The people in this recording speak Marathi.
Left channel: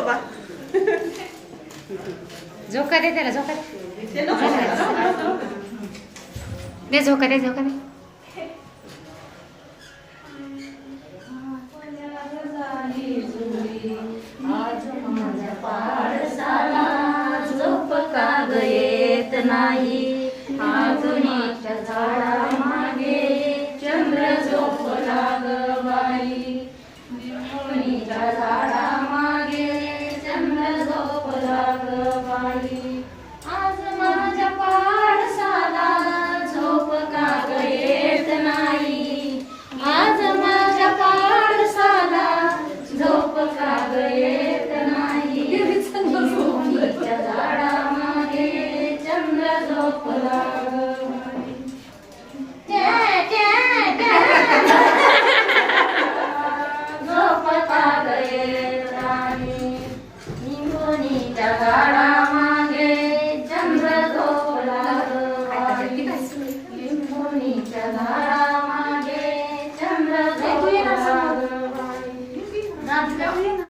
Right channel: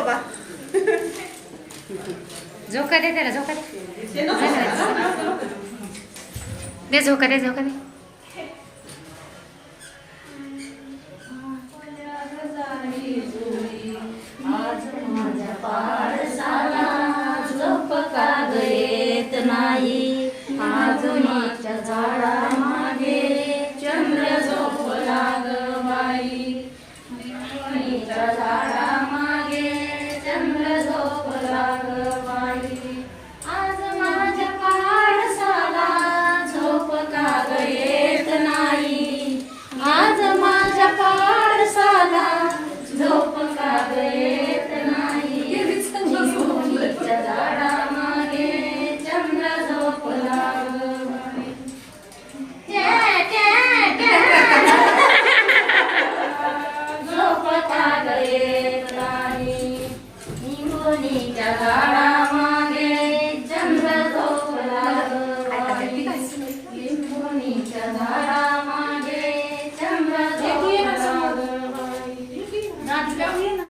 बाबा. झोका दे त्याला झोका दे. दे झोका दे झोका दे. नाही अजूनच्या झाडा मागे चंद्र झोप लागवाई. झाडा Father. निंबोनीच्या